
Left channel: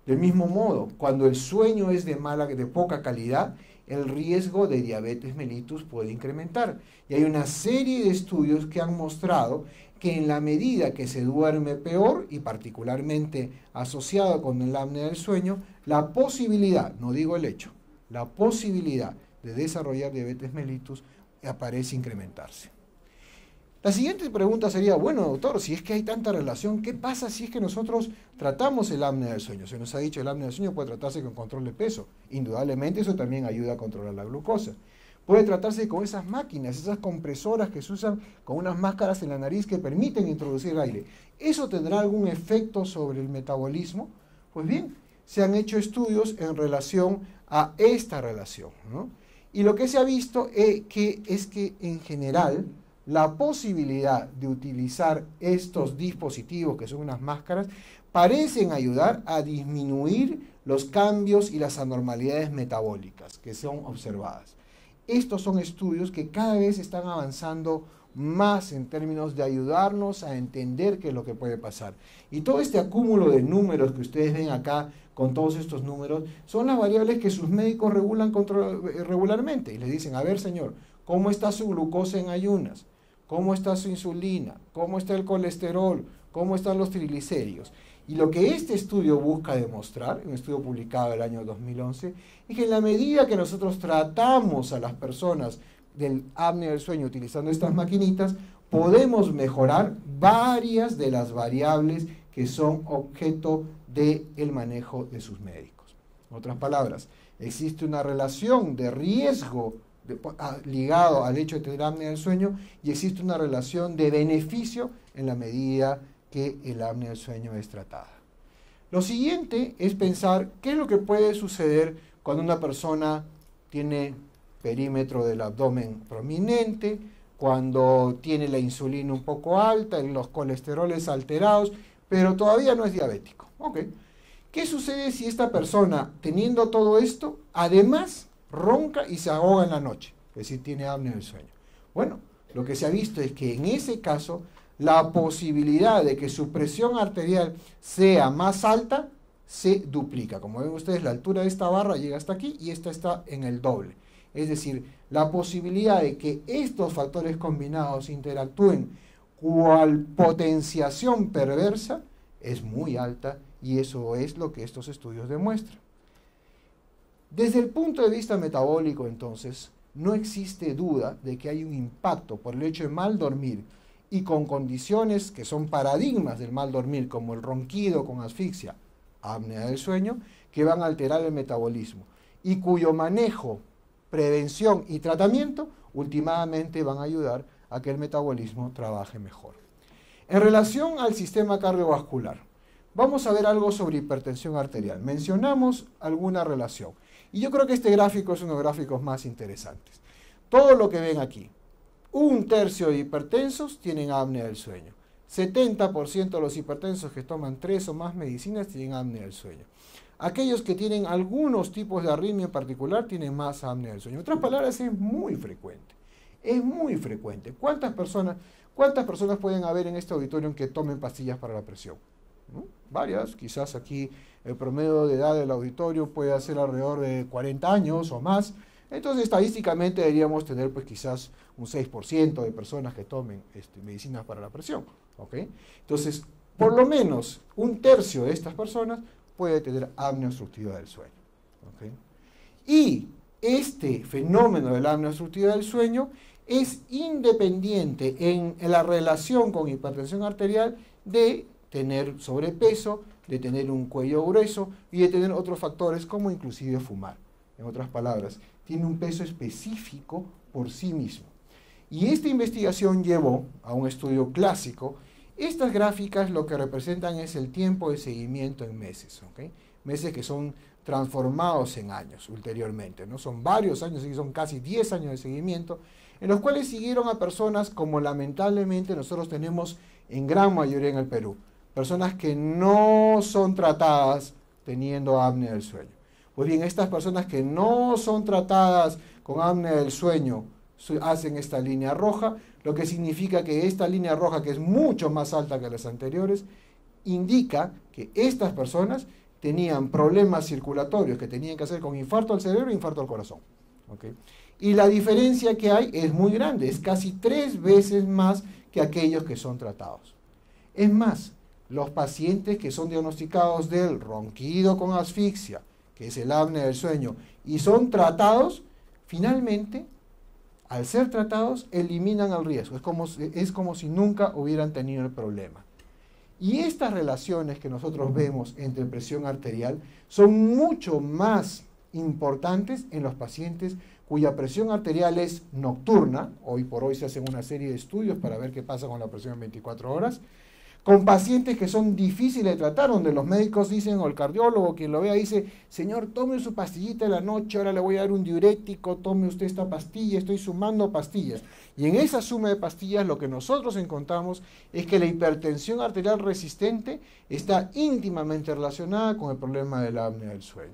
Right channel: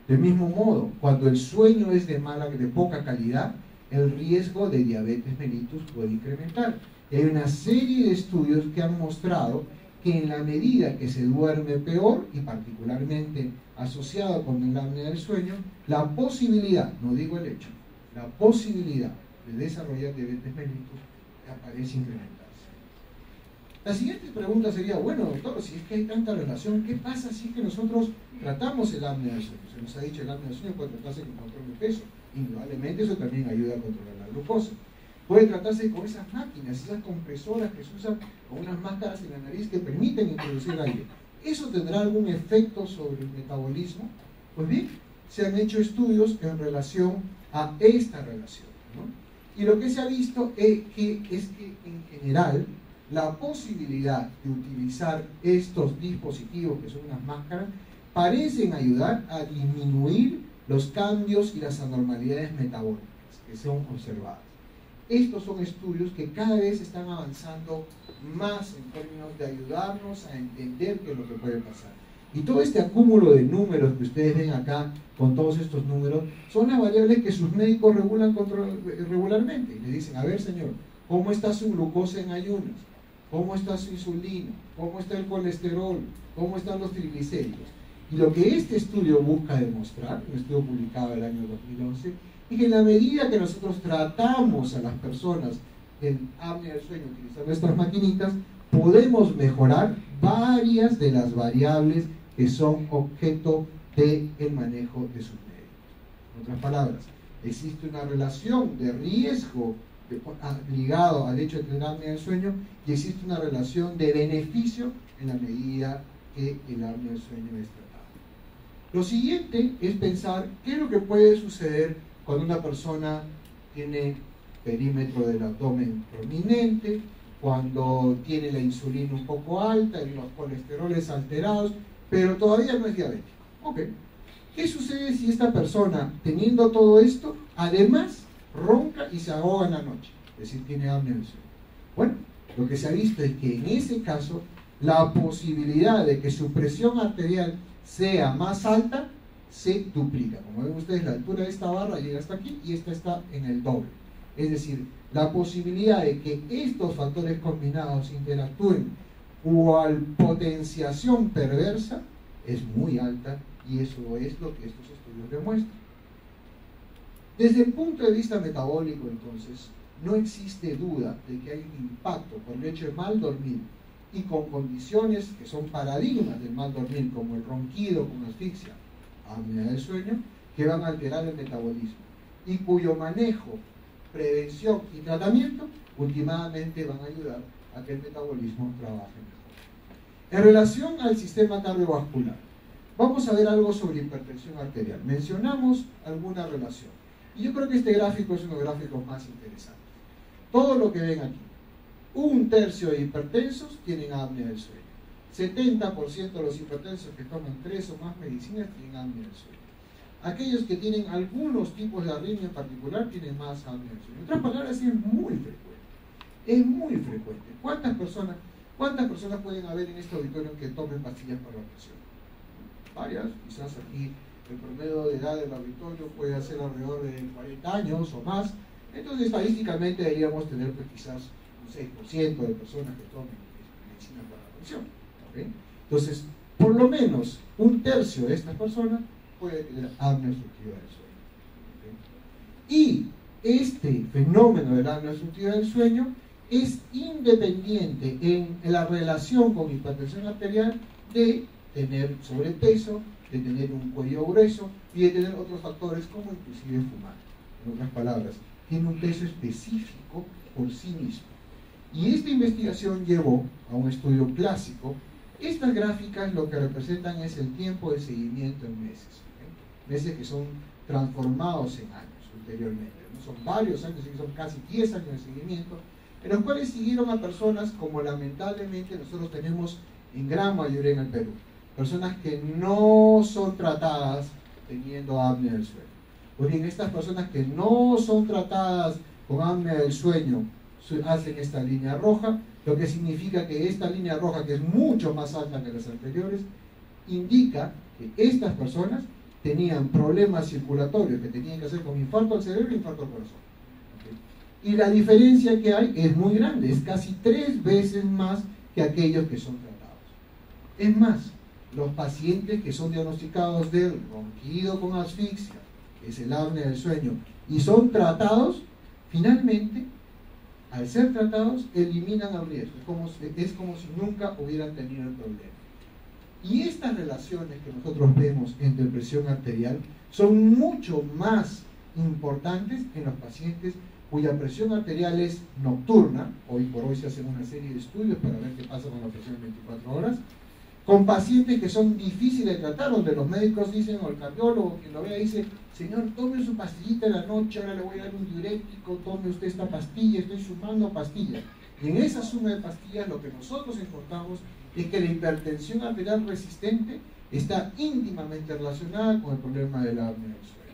Del mismo modo, cuando el sueño es de poca calidad, el riesgo de diabetes mellitus puede incrementar. Y hay una serie de estudios que han mostrado que en la medida que se duerme peor, y particularmente asociado con el apnea del sueño, la posibilidad, no digo el hecho, la posibilidad de desarrollar diabetes mellitus aparece incrementarse. La siguiente pregunta sería, bueno, doctor, si es que hay tanta relación, ¿qué pasa si es que nosotros tratamos el apnea del sueño? Se nos ha dicho que el apnea del sueño puede tratarse con control de peso. Indudablemente eso también ayuda a controlar la glucosa. Puede tratarse con esas máquinas, esas compresoras que se usan con unas máscaras en la nariz que permiten introducir aire. ¿Eso tendrá algún efecto sobre el metabolismo? Pues bien, se han hecho estudios en relación a esta relación, ¿no? Y lo que se ha visto es que en general la posibilidad de utilizar estos dispositivos, que son unas máscaras, parecen ayudar a disminuir los cambios y las anormalidades metabólicas que son observadas. Estos son estudios que cada vez están avanzando más en términos de ayudarnos a entender qué es lo que puede pasar. Y todo este acúmulo de números que ustedes ven acá, con todos estos números, son las variables que sus médicos regulan regularmente. Y le dicen, a ver señor, ¿cómo está su glucosa en ayunas? ¿Cómo está su insulina? ¿Cómo está el colesterol? ¿Cómo están los triglicéridos? Y lo que este estudio busca demostrar, un estudio publicado el año 2011, es que en la medida que nosotros tratamos a las personas del apnea del sueño utilizando estas maquinitas, podemos mejorar varias de las variables que son objeto del manejo de sus médicos. En otras palabras, existe una relación de riesgo ligado al hecho de tener apnea del sueño y existe una relación de beneficio en la medida que el apnea del sueño es tratada. Lo siguiente es pensar qué es lo que puede suceder cuando una persona tiene perímetro del abdomen prominente, cuando tiene la insulina un poco alta y los colesteroles alterados, pero todavía no es diabético. Okay. ¿Qué sucede si esta persona, teniendo todo esto, además ronca y se ahoga en la noche? Es decir, tiene apnea del sueño. Bueno, lo que se ha visto es que en ese caso, la posibilidad de que su presión arterial sea más alta se duplica. Como ven ustedes, la altura de esta barra llega hasta aquí y esta está en el doble. Es decir, la posibilidad de que estos factores combinados interactúen cual potenciación perversa es muy alta, y eso es lo que estos estudios demuestran. Desde el punto de vista metabólico, entonces, no existe duda de que hay un impacto por el hecho de mal dormir y con condiciones que son paradigmas del mal dormir, como el ronquido con asfixia, apnea del sueño, que van a alterar el metabolismo y cuyo manejo, prevención y tratamiento últimamente van a ayudar a que el metabolismo trabaje mejor. En relación al sistema cardiovascular, vamos a ver algo sobre hipertensión arterial. Mencionamos alguna relación. Y yo creo que este gráfico es uno de los gráficos más interesantes. Todo lo que ven aquí, 1/3 de hipertensos tienen apnea del sueño. 70% de los hipertensos que toman 3 o más medicinas tienen apnea del sueño. Aquellos que tienen algunos tipos de arritmia en particular tienen más apnea del sueño. En otras palabras, es muy frecuente. Es muy frecuente. ¿Cuántas personas pueden haber en este auditorio que tomen pastillas para la presión? ¿No? Varias. Quizás aquí el promedio de edad del auditorio puede ser alrededor de 40 años o más. Entonces, estadísticamente deberíamos tener pues quizás un 6% de personas que tomen medicinas para la presión. ¿Okay? Entonces, por lo menos 1/3 de estas personas puede tener apnea obstructiva del sueño. ¿Okay? Y este fenómeno de la apnea obstructiva del sueño es independiente en la relación con hipertensión arterial de tener sobrepeso, de tener un cuello grueso y de tener otros factores como inclusive fumar. En otras palabras, tiene un peso específico por sí mismo. Y esta investigación llevó a un estudio clásico. Estas gráficas lo que representan es el tiempo de seguimiento en meses, ¿okay? Meses que son transformados en años ulteriormente, ¿no? Son varios años, son casi 10 años de seguimiento, en los cuales siguieron a personas como lamentablemente nosotros tenemos en gran mayoría en el Perú, personas que no son tratadas teniendo apnea del sueño. Pues bien, estas personas que no son tratadas con apnea del sueño hacen esta línea roja, lo que significa que esta línea roja, que es mucho más alta que las anteriores, indica que estas personas tenían problemas circulatorios que tenían que hacer con infarto al cerebro e infarto al corazón. ¿Okay? Y la diferencia que hay es muy grande, es casi 3 veces más que aquellos que son tratados. Es más, los pacientes que son diagnosticados del ronquido con asfixia, que es el apnea del sueño, y son tratados, finalmente, al ser tratados, eliminan el riesgo. Es como si nunca hubieran tenido el problema. Y estas relaciones que nosotros vemos entre presión arterial son mucho más importantes en los pacientes cuya presión arterial es nocturna. Hoy por hoy se hacen una serie de estudios para ver qué pasa con la presión en 24 horas. Con pacientes que son difíciles de tratar, donde los médicos dicen, o el cardiólogo, quien lo vea, dice, señor, tome su pastillita en la noche, ahora le voy a dar un diurético, tome usted esta pastilla, estoy sumando pastillas. Y en esa suma de pastillas lo que nosotros encontramos es que la hipertensión arterial resistente está íntimamente relacionada con el problema del apnea del sueño.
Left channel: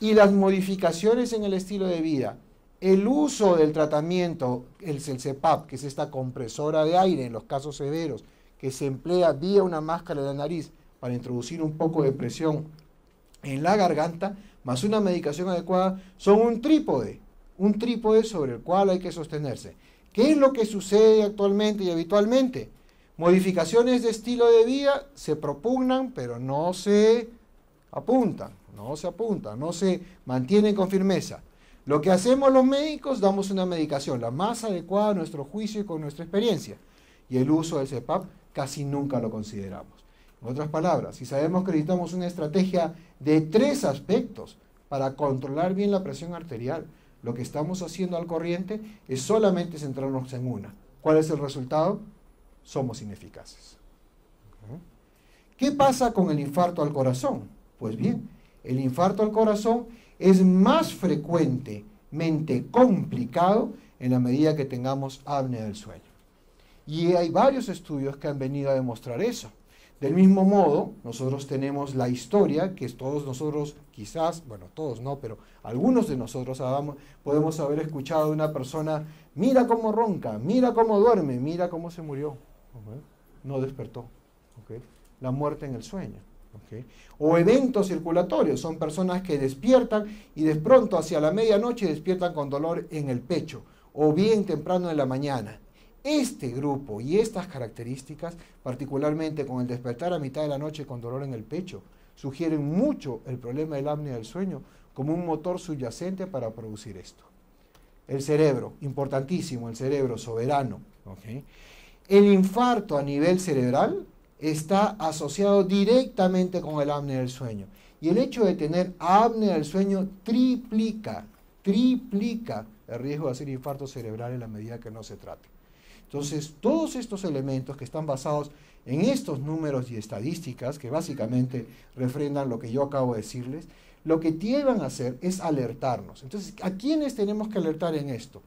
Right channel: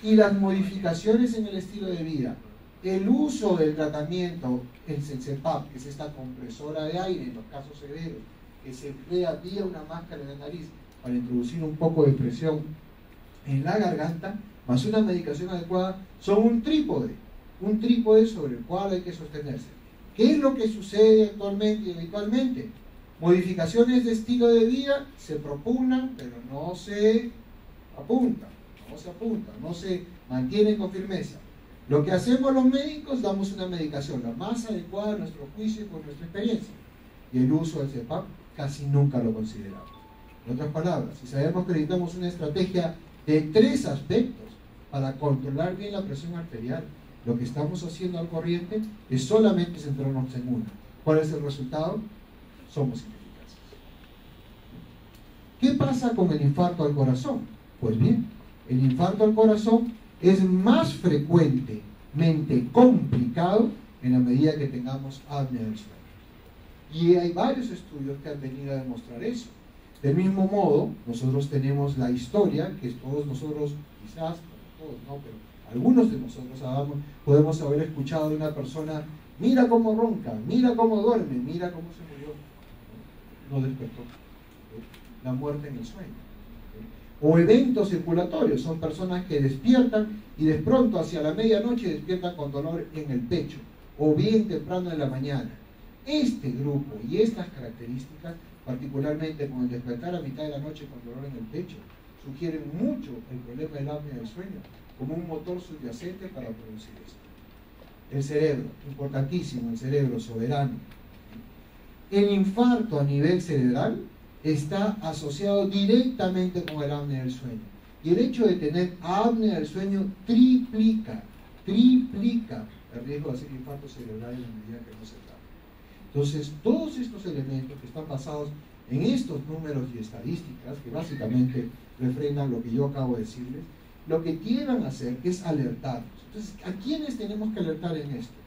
Y las modificaciones en el estilo de vida, el uso del tratamiento, el CPAP, que es esta compresora de aire en los casos severos, que se emplea vía una máscara de la nariz para introducir un poco de presión en la garganta, más una medicación adecuada, son un trípode sobre el cual hay que sostenerse. ¿Qué es lo que sucede actualmente y habitualmente? Modificaciones de estilo de vida se propugnan, pero no se apuntan, no se mantienen con firmeza. Lo que hacemos los médicos, damos una medicación, la más adecuada a nuestro juicio y con nuestra experiencia. Y el uso del CPAP casi nunca lo consideramos. En otras palabras, si sabemos que necesitamos una estrategia de 3 aspectos para controlar bien la presión arterial, lo que estamos haciendo al corriente es solamente centrarnos en una. ¿Cuál es el resultado? Somos ineficaces. ¿Qué pasa con el infarto al corazón? Pues bien, el infarto al corazón es más frecuentemente complicado en la medida que tengamos apnea del sueño. Y hay varios estudios que han venido a demostrar eso. Del mismo modo, nosotros tenemos la historia que todos nosotros, quizás, bueno, todos no, pero algunos de nosotros podemos haber escuchado de una persona, mira cómo ronca, mira cómo duerme, mira cómo se murió. No despertó. ¿Okay? La muerte en el sueño. ¿Okay? O eventos circulatorios, son personas que despiertan y de pronto hacia la medianoche despiertan con dolor en el pecho, o bien temprano en la mañana. Este grupo y estas características, particularmente con el despertar a mitad de la noche con dolor en el pecho, sugieren mucho el problema del apnea del sueño como un motor subyacente para producir esto. El cerebro, importantísimo, el cerebro soberano. ¿Okay? El infarto a nivel cerebral está asociado directamente con el apnea del sueño. Y el hecho de tener apnea del sueño triplica el riesgo de hacer infarto cerebral en la medida que no se trata. Entonces, todos estos elementos que están basados en estos números y estadísticas, que básicamente refrendan lo que yo acabo de decirles, lo que tienen a hacer es alertarnos. Entonces, ¿a quiénes tenemos que alertar en esto?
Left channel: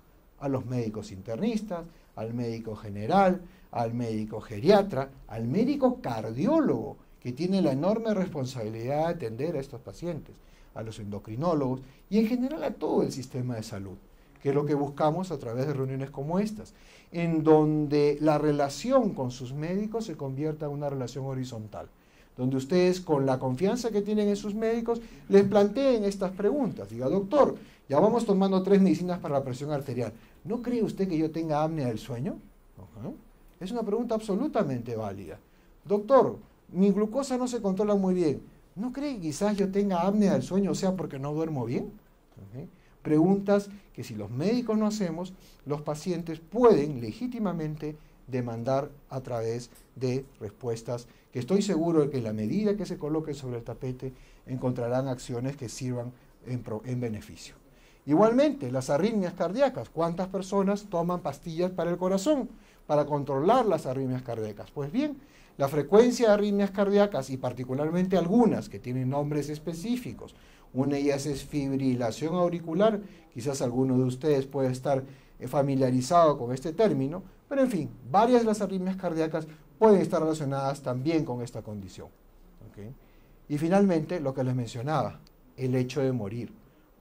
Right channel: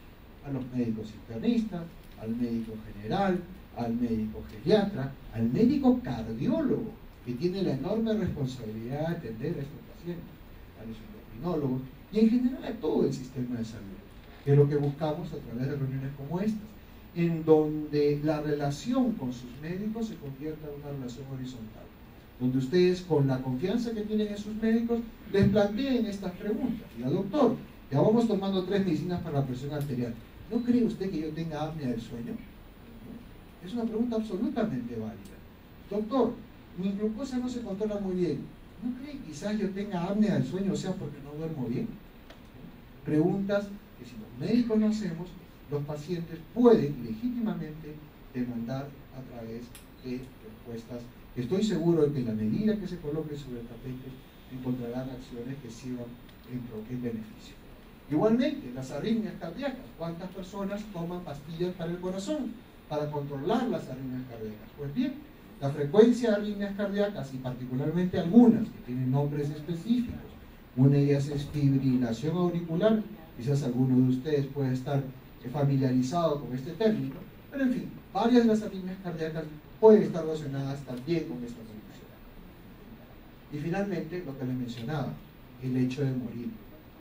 A los médicos internistas, al médico general, al médico geriatra, al médico cardiólogo, que tiene la enorme responsabilidad de atender a estos pacientes, a los endocrinólogos y en general a todo el sistema de salud, que es lo que buscamos a través de reuniones como estas, en donde la relación con sus médicos se convierta en una relación horizontal, donde ustedes, con la confianza que tienen en sus médicos, les planteen estas preguntas. Diga, doctor, ya vamos tomando 3 medicinas para la presión arterial, ¿no cree usted que yo tenga apnea del sueño? No. Es una pregunta absolutamente válida. Doctor, mi glucosa no se controla muy bien, ¿no cree que quizás yo tenga apnea del sueño, o sea, porque no duermo bien? Preguntas que si los médicos no hacemos, los pacientes pueden legítimamente demandar a través de respuestas que estoy seguro de que en la medida que se coloque sobre el tapete encontrarán acciones que sirvan en beneficio. Igualmente, las arritmias cardíacas. ¿Cuántas personas toman pastillas para el corazón para controlar las arritmias cardíacas? Pues bien, la frecuencia de arritmias cardíacas, y particularmente algunas que tienen nombres específicos, una de ellas es fibrilación auricular, quizás alguno de ustedes puede estar familiarizado con este término, pero en fin, varias de las arritmias cardíacas pueden estar relacionadas también con esta condición. ¿Okay? Y finalmente, lo que les mencionaba, el hecho de morir.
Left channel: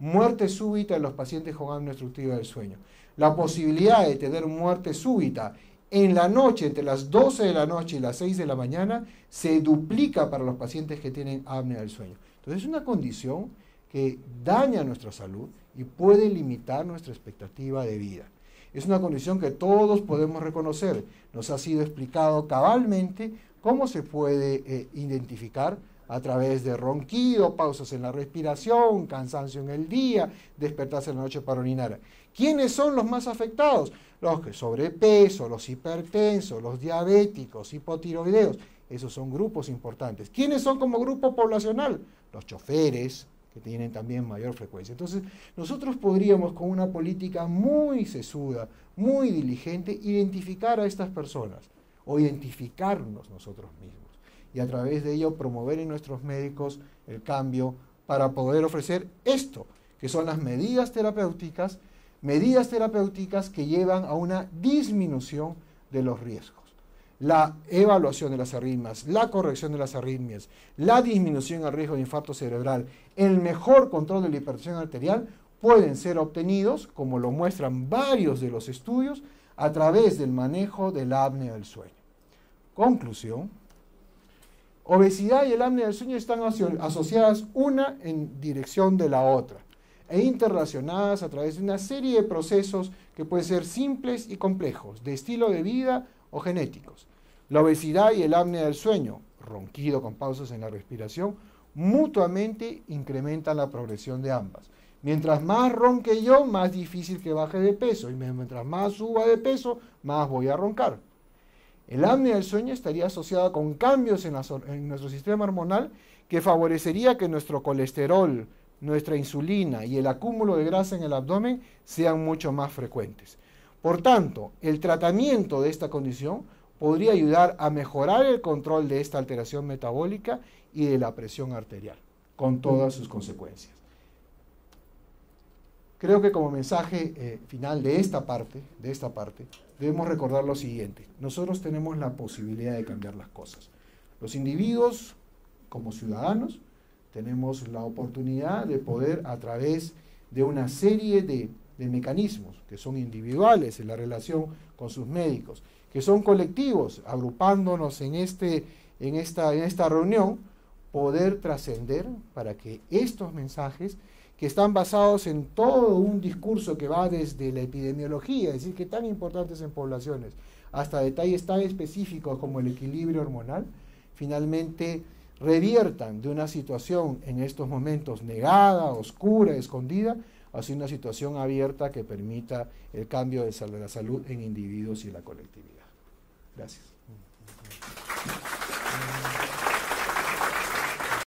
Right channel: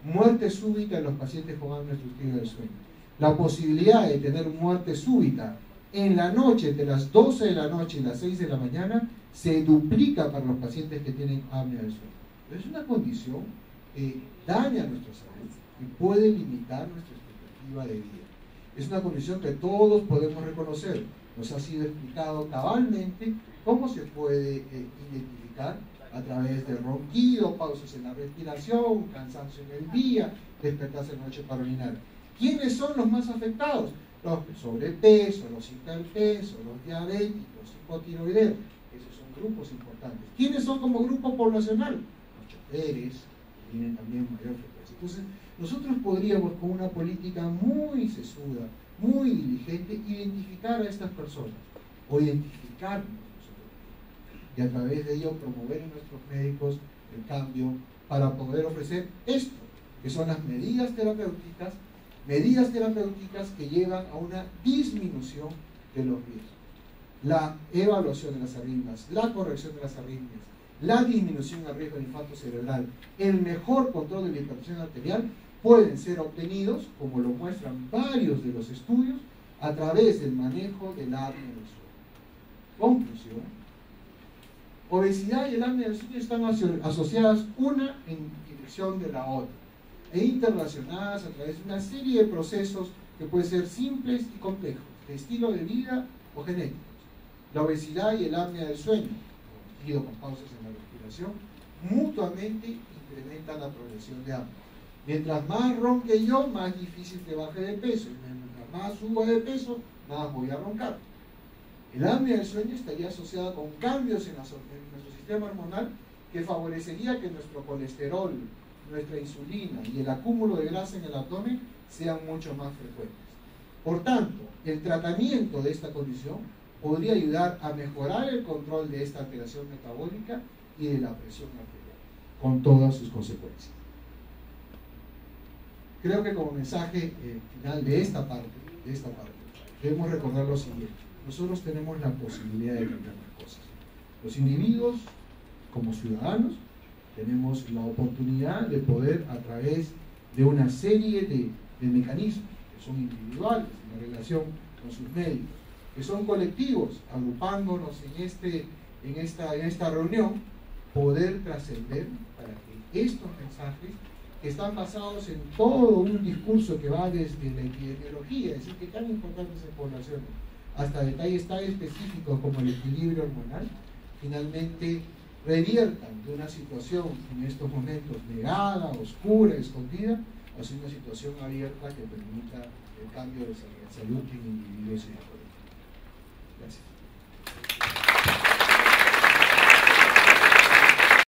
Muerte súbita en los pacientes con apnea obstructiva del sueño. La posibilidad de tener muerte súbita en la noche, entre las 12 de la noche y las 6 de la mañana, se duplica para los pacientes que tienen apnea del sueño. Entonces es una condición que daña nuestra salud y puede limitar nuestra expectativa de vida. Es una condición que todos podemos reconocer. Nos ha sido explicado cabalmente cómo se puede identificar a través de ronquido, pausas en la respiración, cansancio en el día, despertarse en la noche para orinar. ¿Quiénes son los más afectados? Los que sobrepeso, los hipertensos, los diabéticos, hipotiroideos. Esos son grupos importantes. ¿Quiénes son como grupo poblacional? Los choferes, que tienen también mayor frecuencia. Entonces, nosotros podríamos, con una política muy sesuda, muy diligente, identificar a estas personas, o identificarnos nosotros mismos, y a través de ello promover en nuestros médicos el cambio para poder ofrecer esto, que son las medidas terapéuticas que llevan a una disminución de los riesgos. La evaluación de las arritmias, la corrección de las arritmias, la disminución del riesgo de infarto cerebral, el mejor control de la hipertensión arterial pueden ser obtenidos, como lo muestran varios de los estudios, a través del manejo del apnea del sueño. Conclusión: obesidad y el apnea del sueño están asociadas una en dirección de la otra e interrelacionadas a través de una serie de procesos que pueden ser simples y complejos, de estilo de vida o genéticos. La obesidad y el apnea del sueño, ronquido con pausas en la respiración, mutuamente incrementan la progresión de ambas. Mientras más ronque yo, más difícil que baje de peso, y mientras más suba de peso, más voy a roncar. El apnea del sueño estaría asociada con cambios en nuestro sistema hormonal que favorecería que nuestro colesterol, nuestra insulina y el acúmulo de grasa en el abdomen sean mucho más frecuentes. Por tanto, el tratamiento de esta condición podría ayudar a mejorar el control de esta alteración metabólica y de la presión arterial, con todas sus consecuencias. Creo que como mensaje final de esta parte, debemos recordar lo siguiente: nosotros tenemos la posibilidad de cambiar las cosas. Los individuos, como ciudadanos, tenemos la oportunidad de poder, a través de una serie de mecanismos que son individuales en la relación con sus médicos, que son colectivos, agrupándonos en esta reunión, poder trascender para que estos mensajes, que están basados en todo un discurso que va desde la epidemiología, es decir, que tan importantes en poblaciones, hasta detalles tan específicos como el equilibrio hormonal, finalmente reviertan de una situación en estos momentos negada, oscura, escondida, hacia una situación abierta que permita el cambio de la salud en individuos y la colectividad. Gracias.